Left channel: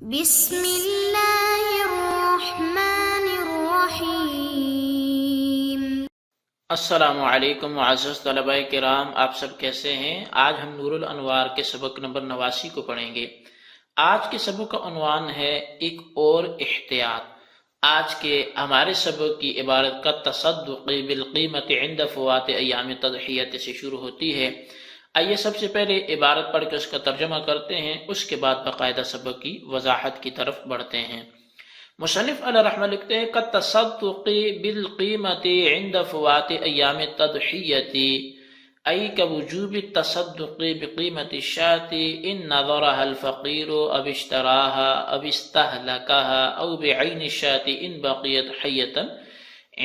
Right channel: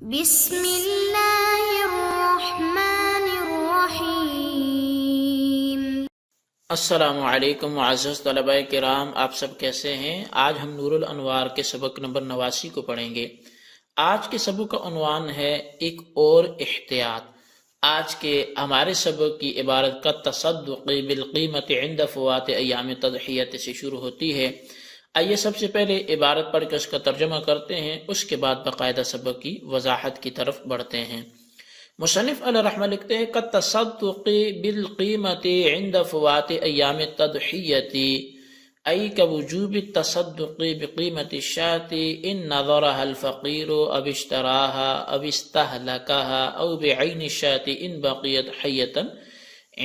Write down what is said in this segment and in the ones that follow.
بسم اللہ الرحمن الرحیم۔ السلام علیکم معزز طلباء کرام، آپ سب کیسے ہیں؟ آج ہم نور الانوار کے سبق نمبر 89 کو پڑھیں گے۔ آج کے سبق کا عنوان ہے ایک اور احتیاط۔ آج کے ہمارے سبق کی عبارت کا تصدق بالقیمت عند فوات ایام تضحیت سے شروع ہوتی ہے۔ آئیے سب سے پہلے عبارت پڑھ کے اس کا ترجمہ کرتے ہیں، اس کے بعد باقاعدہ سبق کی وضاحت کی طرف بڑھتے ہیں۔ مصنف علیہ رحمہ لکھتے ہیں کالتصدق بالقیمت عند فوات ایام التضحیۃ ای كوجوب التصدق بقیمت الشاة ان نظرها الفقیر او اشتراها او استهلكها او بعین الشاة ان بقیت حیة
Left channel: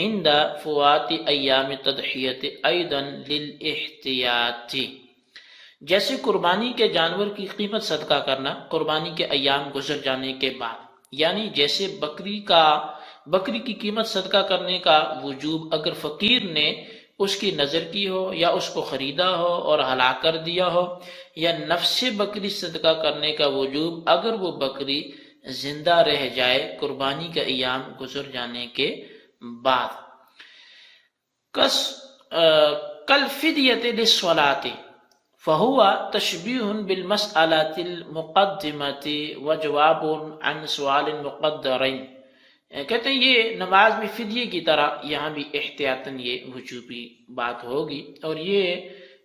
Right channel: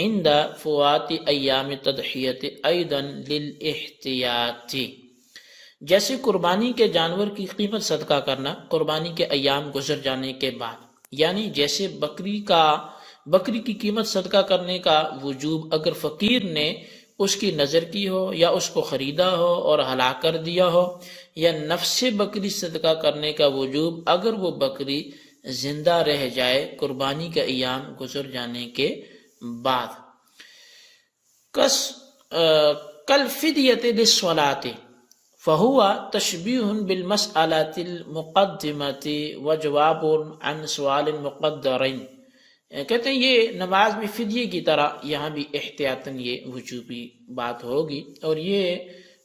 عند فوات ایام التضحیۃ ایضا للاحتیاط۔ جیسے قربانی کے جانور کی قیمت صدقہ کرنا قربانی کے ایام گزر جانے کے بعد، یعنی جیسے بکری کی قیمت صدقہ کرنے کا وجوب اگر فقیر نے اس کی نظر کی ہو یا اس کو خریدا ہو اور ہلاک کر دیا ہو، یا نفس بکری صدقہ کرنے کا وجوب اگر وہ بکری زندہ رہ جائے قربانی کے ایام گزر جانے کے بعد۔ کل فدیت للصلاۃ فہو تشبیہ بالمسألۃ المقدمۃ وجواب عن سوال مقدر۔ کہتے ہیں یہ نماز میں فدیے کی طرح یہاں بھی احتیاطاً یہ وجوبی بات ہوگی، اور یہ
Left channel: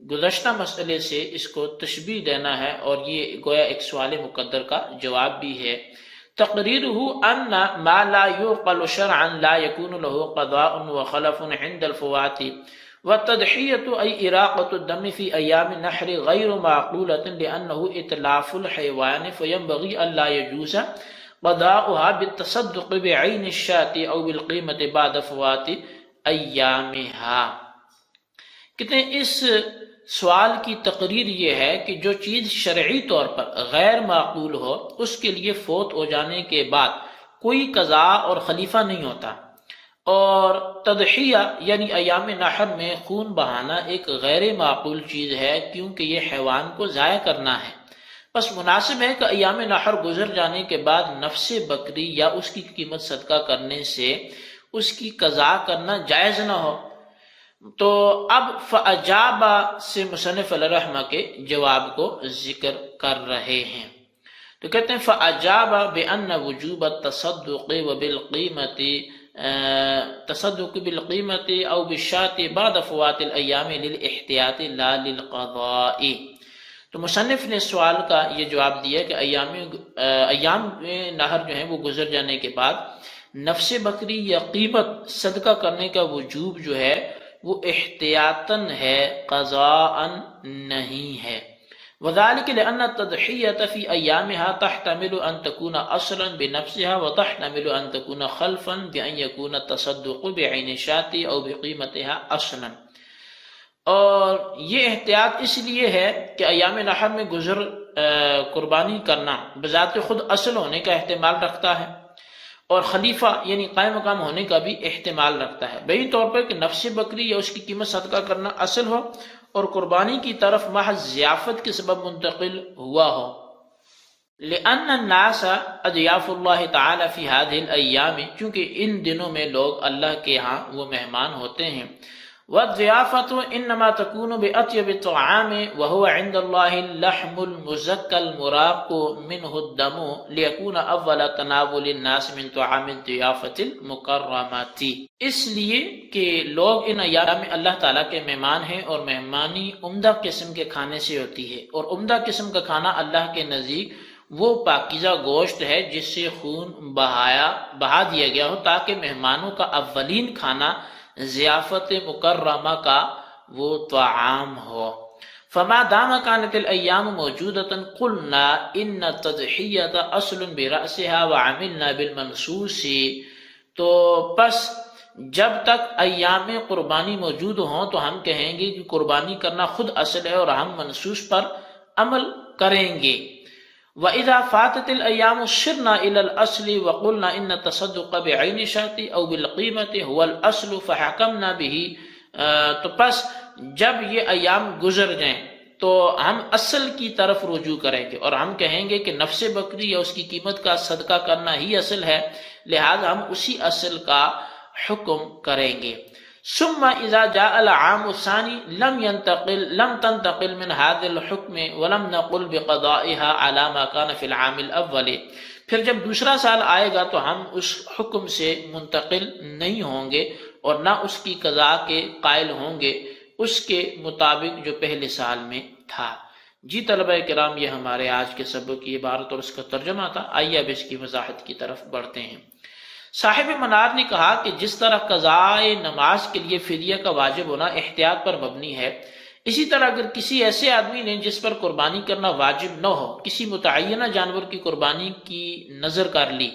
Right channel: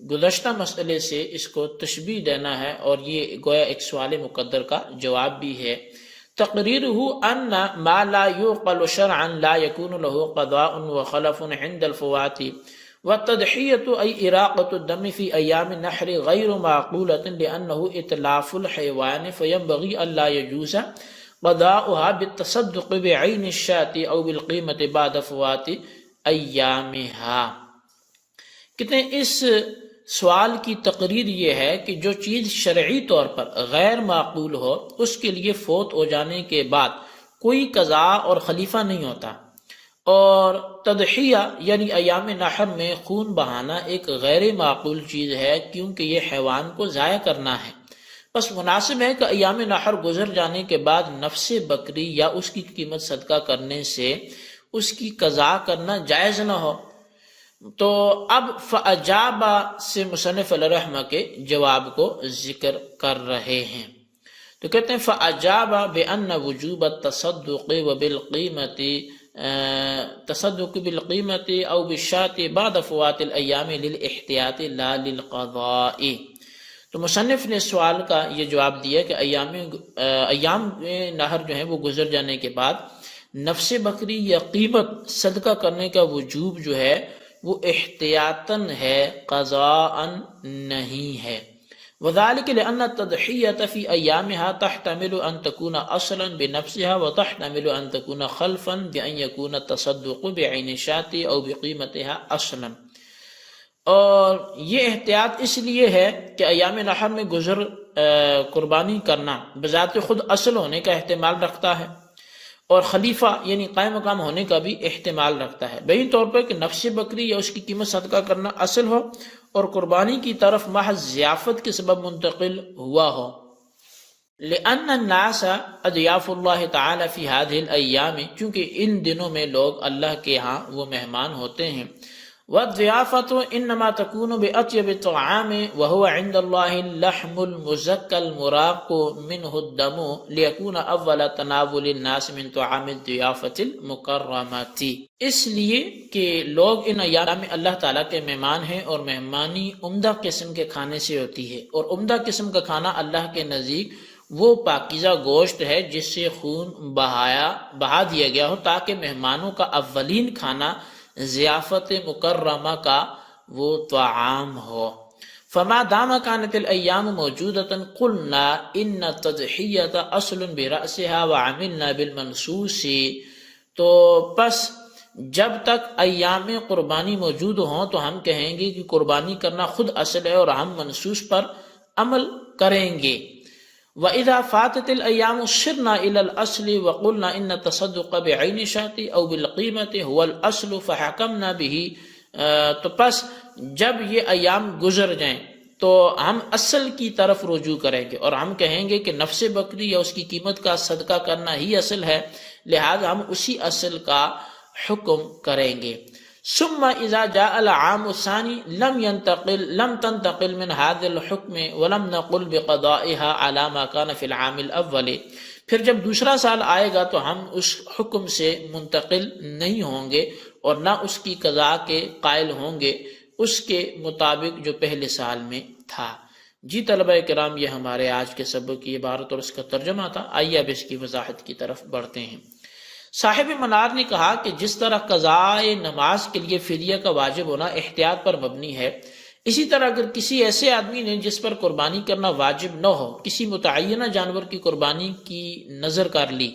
گزشتہ مسئلے سے اس کو تشبیہ دینا ہے، اور یہ گویا ایک سوال مقدر کا جواب بھی ہے۔ تقریرہ ان ما لا يعقل شرعا لا يكون له قضاء وخلف عند الفوات والتضحیۃ ای اراقۃ الدم فی ایام النحر غیر معقولۃ لأنه اتلاف الحیوان فینبغی الا یجوز قضاؤها بالتصدق بعین الشاة او بالقیمت بعد فوات ایامها۔ کہتے ہیں اس سوال کی تقریر یہ ہے کہ جو چیز شرعی طور پر غیر معقول ہو اس کے لیے فوت ہو جانے کے بعد کوئی قضاء اور خلیفہ نہیں ہوتا، اور تضحیہ یعنی ایام نحر میں خون بہانا ایک غیر معقول چیز ہے کیونکہ یہ حیوان کو ضائع کرنا ہے۔ بس مناسب ہے کہ ایام نحر گزر جانے کے بعد نفس بکری یا اس کی قیمت صدقہ کرنے سے اس کی قضا کرنا جائز نہ ہو۔ تو اب فاجاب سے مصنف علیہ رحمہ کے جواب کو ذکر کر رہے ہیں۔ تو کہتے ہیں فاجاب بان وجوب التصدق وبالقیمت تصدق بالقیمت او بالشاة بعد فوات الایام للاحتیاط لا للقضاء۔ تو مصنف نے سوال کا یہ جواب دیا کہ ایام نہر جو ہیں وہ گزر جانے کے بعد نفس بکری یا قیمت صدقہ کرنے کا وجوب جو ہے وہ احتیاطاً ہے، قضاءً نہیں ہے۔ وذلك لأن التضحية في أيامها تحتمل أن تكون أصلا بنفسها وتحتمل أن تكون خلفا بأن يكون التصدق بعين الشاة أو بقيمتها أصلا۔ اور یہ احتیاط اس لیے ہے کہ ایام نحر میں قربانی کرنا بذات خود اصل ہونے کا احتمال رکھتا ہے، اور خلیفہ یعنی قائم مقام ہونے کا بھی احتمال رکھتا ہے، بہین طور پر کہ نفس بکری یا اس کی قیمت صدقہ کرنا اصل ہو اور قربانی کی طرف محض ضیافت کے سبب منتقل ہوا ہو۔ لأن الناس اضیاف اللہ تعالی فی هذه الایام، چونکہ ان دنوں میں لوگ اللہ کے ہاں وہ مہمان ہوتے ہیں۔ والضیافت انما تکون باطیب الطعام وهو عند اللہ اللحم المزکی المراق منه الدم لیکون اول تناول الناس من طعام الضیافت المکرمات۔ اس لیے کہ لوگ ان ایام میں اللہ تعالیٰ کے مہمان ہیں، اور مہمانی عمدہ قسم کے کھانے سے ہوتی ہے، اور عمدہ قسم کا کھانا اللہ کے نزدیک وہ پاکیزہ گوشت ہے جس سے خون بہا دیا گیا ہو، تاکہ مہمانوں کا اولین کھانا ضیافت مکرمہ کا وہ طعام ہو۔ فما دام كانت الایام موجودة قلنا ان التضحیۃ اصل برأسها وعملنا بالمنصوص۔ تو پس جب تک ایام قربانی موجود ہوں تو ہم کہیں گے کہ قربانی کرنا خود اصل ہے، اور ہم منصوص پر عمل کریں گے۔ وَإِذَا فَاتَتِ الْأَيَّامُ صِرْنَا إِلَى الْأَصْلِ وَقُلْنَا إِنَّ التَّصَدُّقَ بِعَيْنِ الشَّاةِ أَوْ بِالْقِيمَةِ هُوَ الْأَصْلُ فَحَكَمْنَا بِهِ۔ تو پس جب یہ ایام گزر جائیں تو ہم اصل کی طرف رجوع کریں گے اور ہم کہیں گے کہ نفس بکری یا اس کی قیمت کا صدقہ کرنا ہی اصل ہے، لہذا ہم اسی اصل کا حکم کریں گے۔ ثم اذا جاء العام الثاني لم تنتقل من هذا الحكم ولم نقل بقضائها على ما كان في العام الاول، پھر جب دوسرا سال آئے گا تو ہم اس حکم سے منتقل نہیں ہوں گے اور نہ اس کی قضاء کے قائل ہوں گے اس کے مطابق جو پہلے سال میں تھا۔ جی طلبہ کرام، یہ ہمارے آج کے سبق کی عبارت اور اس کا ترجمہ تھا۔ آئیے اب اس کی وضاحت کی طرف بڑھتے ہیں۔ صاحب منار نے کہا کہ جس طرح قضاء نماز کے لیے فدیہ کا واجب ہونا احتیاط پر مبنی ہے، اسی طرح اگر کسی ایسے آدمی نے جس پر قربانی کرنا واجب نہ ہو کسی متعینہ جانور کی قربانی کی نظر کر لی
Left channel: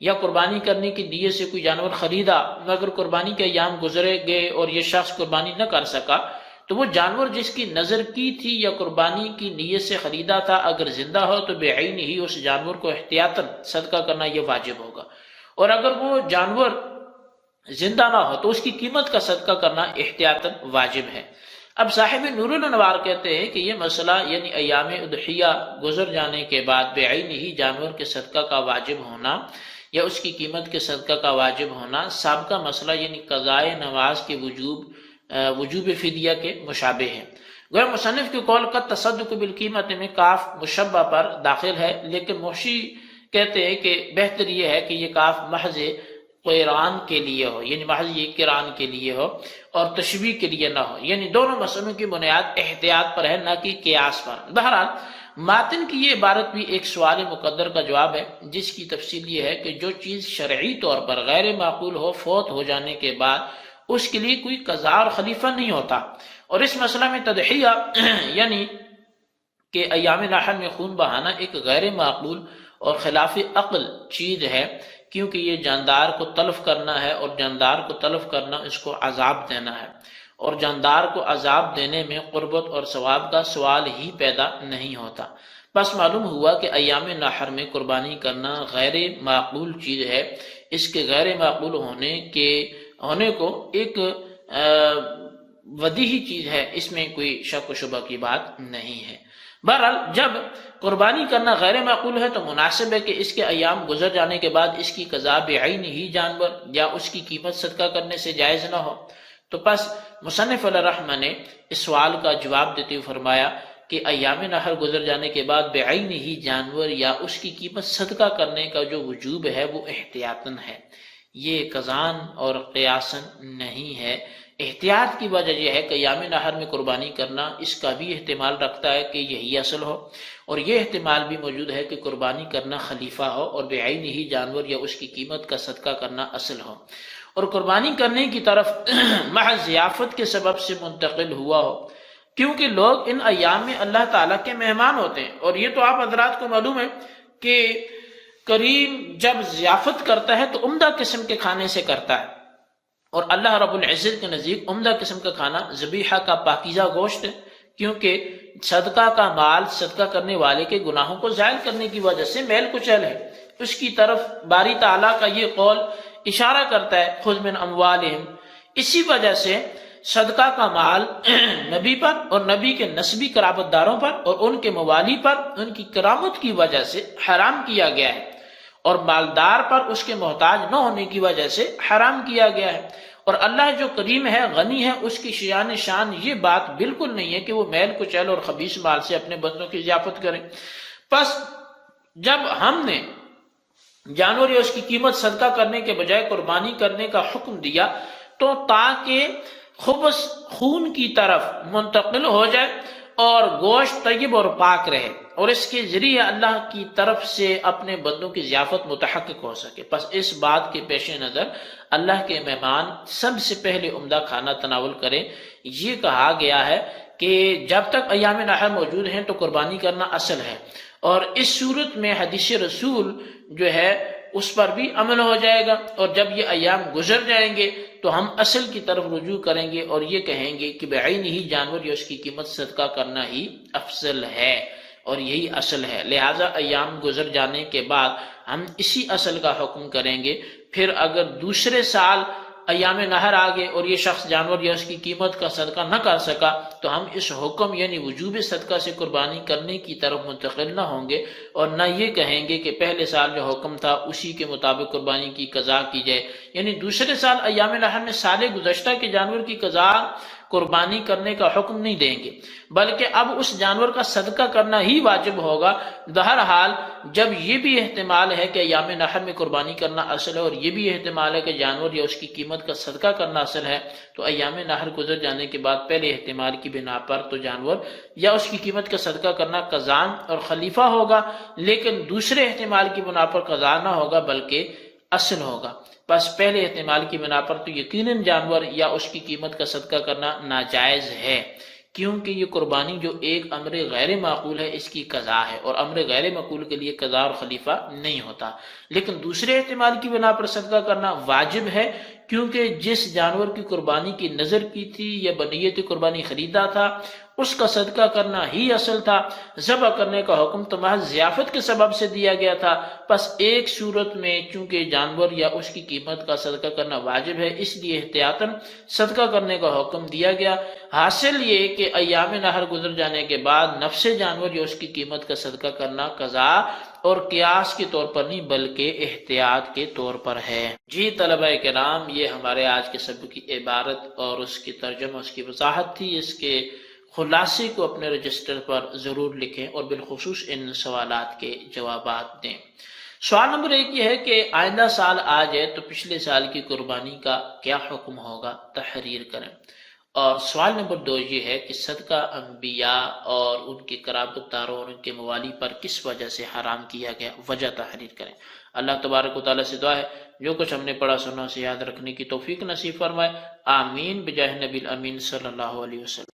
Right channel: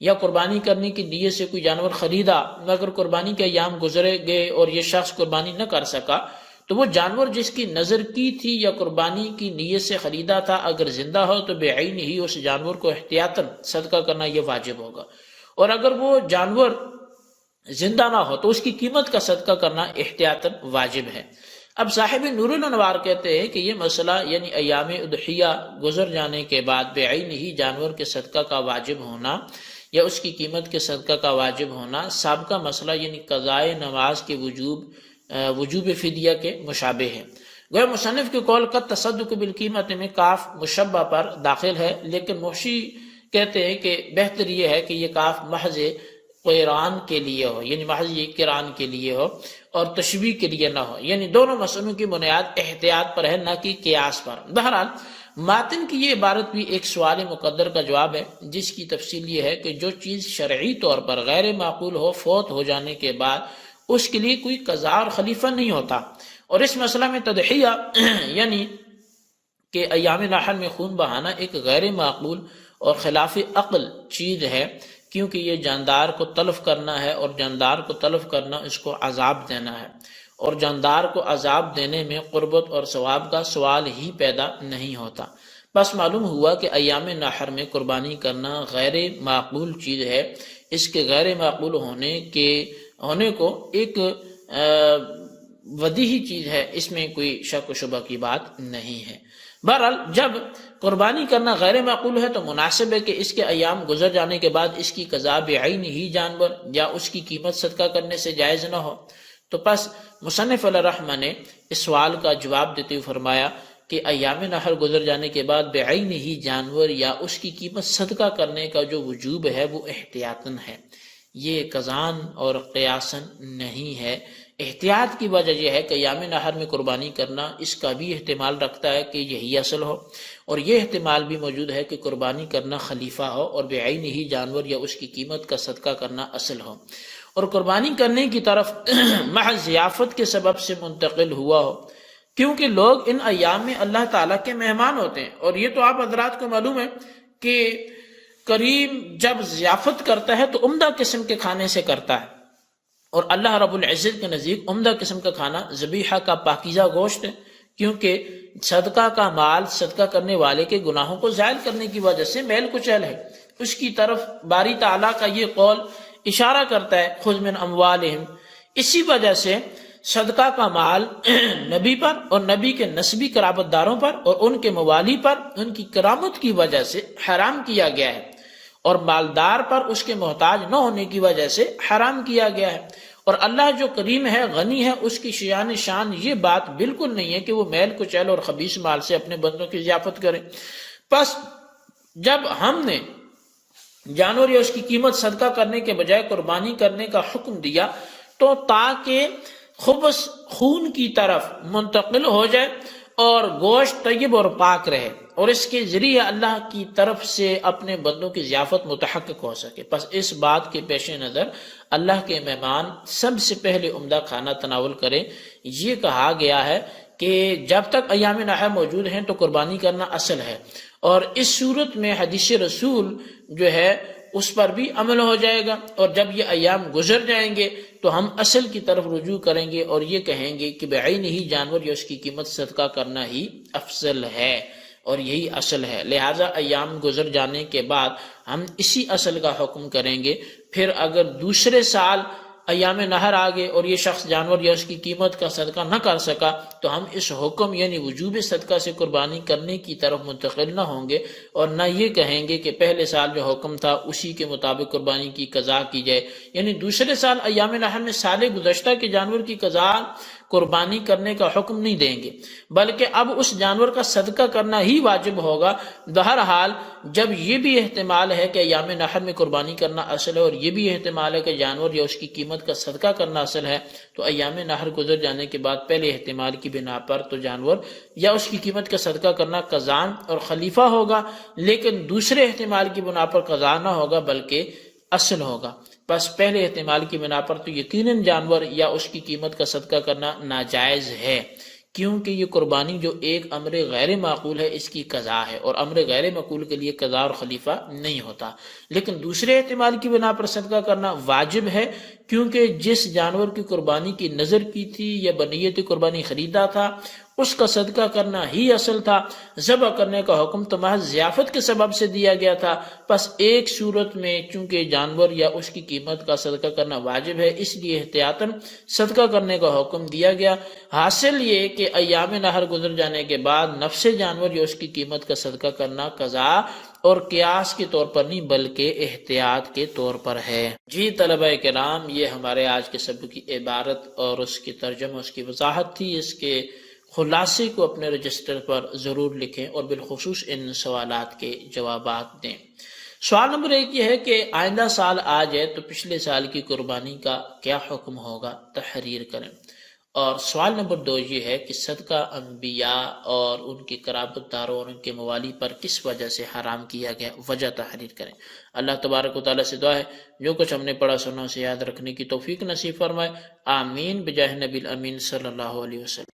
یا قربانی کرنے کی نیت سے کوئی جانور خریدا مگر قربانی کے ایام گزرے گئے اور یہ شخص قربانی نہ کر سکا، تو وہ جانور جس کی نظر کی تھی یا قربانی کی نیت سے خریدا تھا اگر زندہ ہو تو بعین ہی اس جانور کو احتیاطاً صدقہ کرنا یہ واجب ہوگا، اور اگر وہ جانور زندہ نہ ہو تو اس کی قیمت کا صدقہ کرنا احتیاطاً واجب ہے۔ اب صاحب نور الانوار کہتے ہیں کہ یہ مسئلہ یعنی ایام اضحیہ گزر جانے کے بعد بعین ہی جانور کے صدقہ کا واجب ہونا یا اس کی قیمت کے صدقہ کا واجب ہونا سابقہ مسئلہ یعنی قضاء نماز کے وجوب فدیہ کے مشابہ ہے۔ گویا مصنف کے قول کا تصدق بالقیمت میں کاف مشبہ پر داخل ہے، لیکن محشی کہتے ہیں کہ بہتر یہ ہے کہ یہ کاف محض قران کے لیے ہو، یعنی محض یہ قران کے لیے ہو اور تشبیہ کے لیے نہ ہو، یعنی دونوں مسئلوں کی بنیاد احتیاط پر ہے نہ کہ قیاس پر۔ بہرحال ماتن کی یہ عبارت بھی ایک سوال مقدر کا جواب ہے، جس کی تفصیل یہ ہے کہ جو چیز شرعی طور پر غیر معقول ہو فوت ہو جانے کے بعد اس کے لیے کوئی قضاء اور خلیفہ نہیں ہوتا، اور اس مسئلہ میں تضحیہ یعنی کہ ایام نحر میں خون بہانا ایک غیر معقول اور خلاف عقل چیز ہے، کیونکہ یہ جاندار کو تلف کرنا ہے اور جاندار کو تلف کرنا اس کو عذاب دینا ہے، اور جاندار کو عذاب دینے میں قربت اور ثواب کا سوال ہی پیدا نہیں ہوتا۔ بس معلوم ہوا کہ ایام نحر میں قربانی کرنا غیر معقول چیز ہے، اس کے غیر معقول ہونے کو ایک بدیہی چیز ہے، اس میں کوئی شک و شبہ کی بات نہیں ہے۔ بہرحال جب قربانی کرنا غیر معقول ہے تو مناسب ہے کہ اس کے ایام گزر جانے کے بعد اس کی قضاء بعین ہی جانور یا اس کی قیمت صدقہ کرنے سے جائز نہ ہو۔ تو پس مصنف علیہ الرحمہ نے اس سوال کا جواب دیتے ہوئے فرمایا کہ ایام نحر گزر جانے کے بعد بعین ہی جانور یا اس کی قیمت صدقہ کرنے کا جو وجوب ہے وہ احتیاطاً ہے، یہ قضاً اور قیاساً نہیں ہے۔ احتیاط کی وجہ یہ ہے کہ ایام نحر میں قربانی کرنا اس کا بھی احتمال رکھتا ہے کہ یہی اصل ہو، اور یہ احتمال بھی موجود ہے کہ قربانی کرنا خلیفہ ہو اور بعین ہی جانور یا اس کی قیمت کا صدقہ کرنا اصل ہو، اور قربانی کرنے کی طرف محض ضیافت کے سبب سے منتقل ہوا ہو، کیونکہ لوگ ان ایام میں اللہ تعالیٰ کے مہمان ہوتے ہیں، اور یہ تو آپ حضرات کو معلوم ہے کہ کریم جب ضیافت کرتا ہے تو عمدہ قسم کے کھانے سے کرتا ہے، اور اللہ رب العزت کے نزدیک عمدہ قسم کا کھانا ذبیحہ کا پاکیزہ گوشت ہے، کیونکہ صدقہ کا مال صدقہ کرنے والے کے گناہوں کو زائل کرنے کی وجہ سے میل کچیل ہے۔ اس کی طرف باری تعالیٰ کا یہ قول اشارہ کرتا ہے خذ من اموالہم، اسی وجہ سے صدقہ کا مال نبی پر اور نبی کے نسبی قرابت داروں پر اور ان کے موالی پر ان کی کرامت کی وجہ سے حرام کیا گیا ہے، اور مالدار پر اس کے محتاج نہ ہونے کی وجہ سے حرام کیا گیا ہے، اور اللہ جو کریم ہے غنی ہے اس کی شان یہ بات بالکل نہیں ہے کہ وہ میل کچیل اور خبیث مال سے اپنے بندوں کی ضیافت کریں۔ پس جب ہم نے جانور یا اس کی قیمت صدقہ کرنے کے بجائے قربانی کرنے کا حکم دیا تو تاکہ خبث خون کی طرف منتقل ہو جائے اور گوشت طیب اور پاک رہے، اور اس کے ذریعے اللہ کی طرف سے اپنے بندوں کی ضیافت متحقق ہو سکے۔ پس اس بات کے پیش نظر اللہ کے مہمان سب سے پہلے عمدہ کھانا تناول کریں۔ یہ کہا گیا ہے کہ جب تک ایام نحر موجود ہیں تو قربانی کرنا اصل ہے، اور اس صورت میں حدیث رسول جو ہے اس پر بھی عمل ہو جائے گا، اور جب یہ ایام گزر جائیں گے تو ہم اصل کی طرف رجوع کریں گے اور یہ کہیں گے کہ بعین ہی جانور یا اس کی قیمت صدقہ کرنا ہی افضل ہے اور یہی اصل ہے، لہٰذا ایام گزر جانے کے بعد ہم اسی اصل کا حکم کریں گے۔ پھر اگر دوسرے سال ایام نہر آگے اور یہ شخص جانور یا اس کی قیمت کا صدقہ نہ کر سکا تو ہم اس حکم یعنی وجوب صدقہ سے قربانی کرنے کی طرف منتقل نہ ہوں گے اور نہ یہ کہیں گے کہ پہلے سال جو حکم تھا اسی کے مطابق قربانی کی قضا کی جائے، یعنی دوسرے سال ایام نہر میں سال گزشتہ کے جانور کی قضا قربانی کرنے کا حکم نہیں دیں گے، بلکہ اب اس جانور کا صدقہ کرنا ہی واجب ہوگا۔ بہرحال جب یہ بھی احتمال ہے کہ ایام نحر میں قربانی کرنا اصل ہے اور یہ بھی احتمال ہے کہ جانور یا اس کی قیمت کا صدقہ کرنا اصل ہے، تو ایام نحر گزر جانے کے بعد پہلے احتمال کی بنا پر تو جانور یا اس کی قیمت کا صدقہ کرنا قضا اور خلیفہ ہوگا، لیکن دوسرے احتمال کی بنا پر قضا نہ ہوگا بلکہ اصل ہوگا۔ بس پہلے احتمال کی بنا پر تو یقیناً جانور یا اس کی قیمت کا صدقہ کرنا ناجائز ہے، کیونکہ یہ قربانی جو ایک امر غیر معقول ہے اس کی قضا ہے، اور امر غیر معقول کے لیے قضا اور خلیفہ نہیں ہوتا۔ لیکن دوسرے احتمال کی بنا پر صدقہ کرنا واجب ہے، کیونکہ جس جانور کی قربانی کی نظر کی تھی یا بنیت قربانی خریدا تھا اس کا صدقہ کرنا ہی اصل تھا۔ ذبح کرنے کا حکم تو محض ضیافت کے سبب سے دیا گیا تھا، پس ایک صورت میں چونکہ جانور یا اس کی قیمت کا صدقہ کرنا واجب ہے اس لیے احتیاطاً صدقہ کرنے کا حکم دیا گیا۔ حاصل یہ کہ ایام نحر گزر جانے کے بعد نفس جانور یا اس کی قیمت کا صدقہ کرنا قضا اور قیاس کے طور پر نہیں بلکہ احتیاط کے طور پر ہے۔ جی طلبہ کرام، یہ ہمارے آج کے سبق کی عبارت اور اس کی ترجمہ، اس کی وضاحت تھی۔ اس کے خلاصے کو اپنے رجسٹر پر ضرور لکھیں اور بالخصوص ان سوالات کے جوابات دیں۔ سوال نمبر 1 یہ ہے کہ آئندہ سال آ جائے تو پچھلے سال کی قربانی کا کیا حکم ہوگا، تحریر کریں۔ اور سوال نمبر 2 یہ ہے کہ صدقہ انبیاء اور ان کے قرابت داروں اور ان کے موالی پر کس وجہ سے حرام کیا گیا، وجہ تحریر کریں۔ اللہ تبارک و تعالیٰ سے دعا ہے جو کچھ ہم نے پڑھا سنا اسے یاد رکھنے کی توفیق نصیب فرمائے، آمین بجاہ نبی الامین صلی اللہ علیہ وسلم۔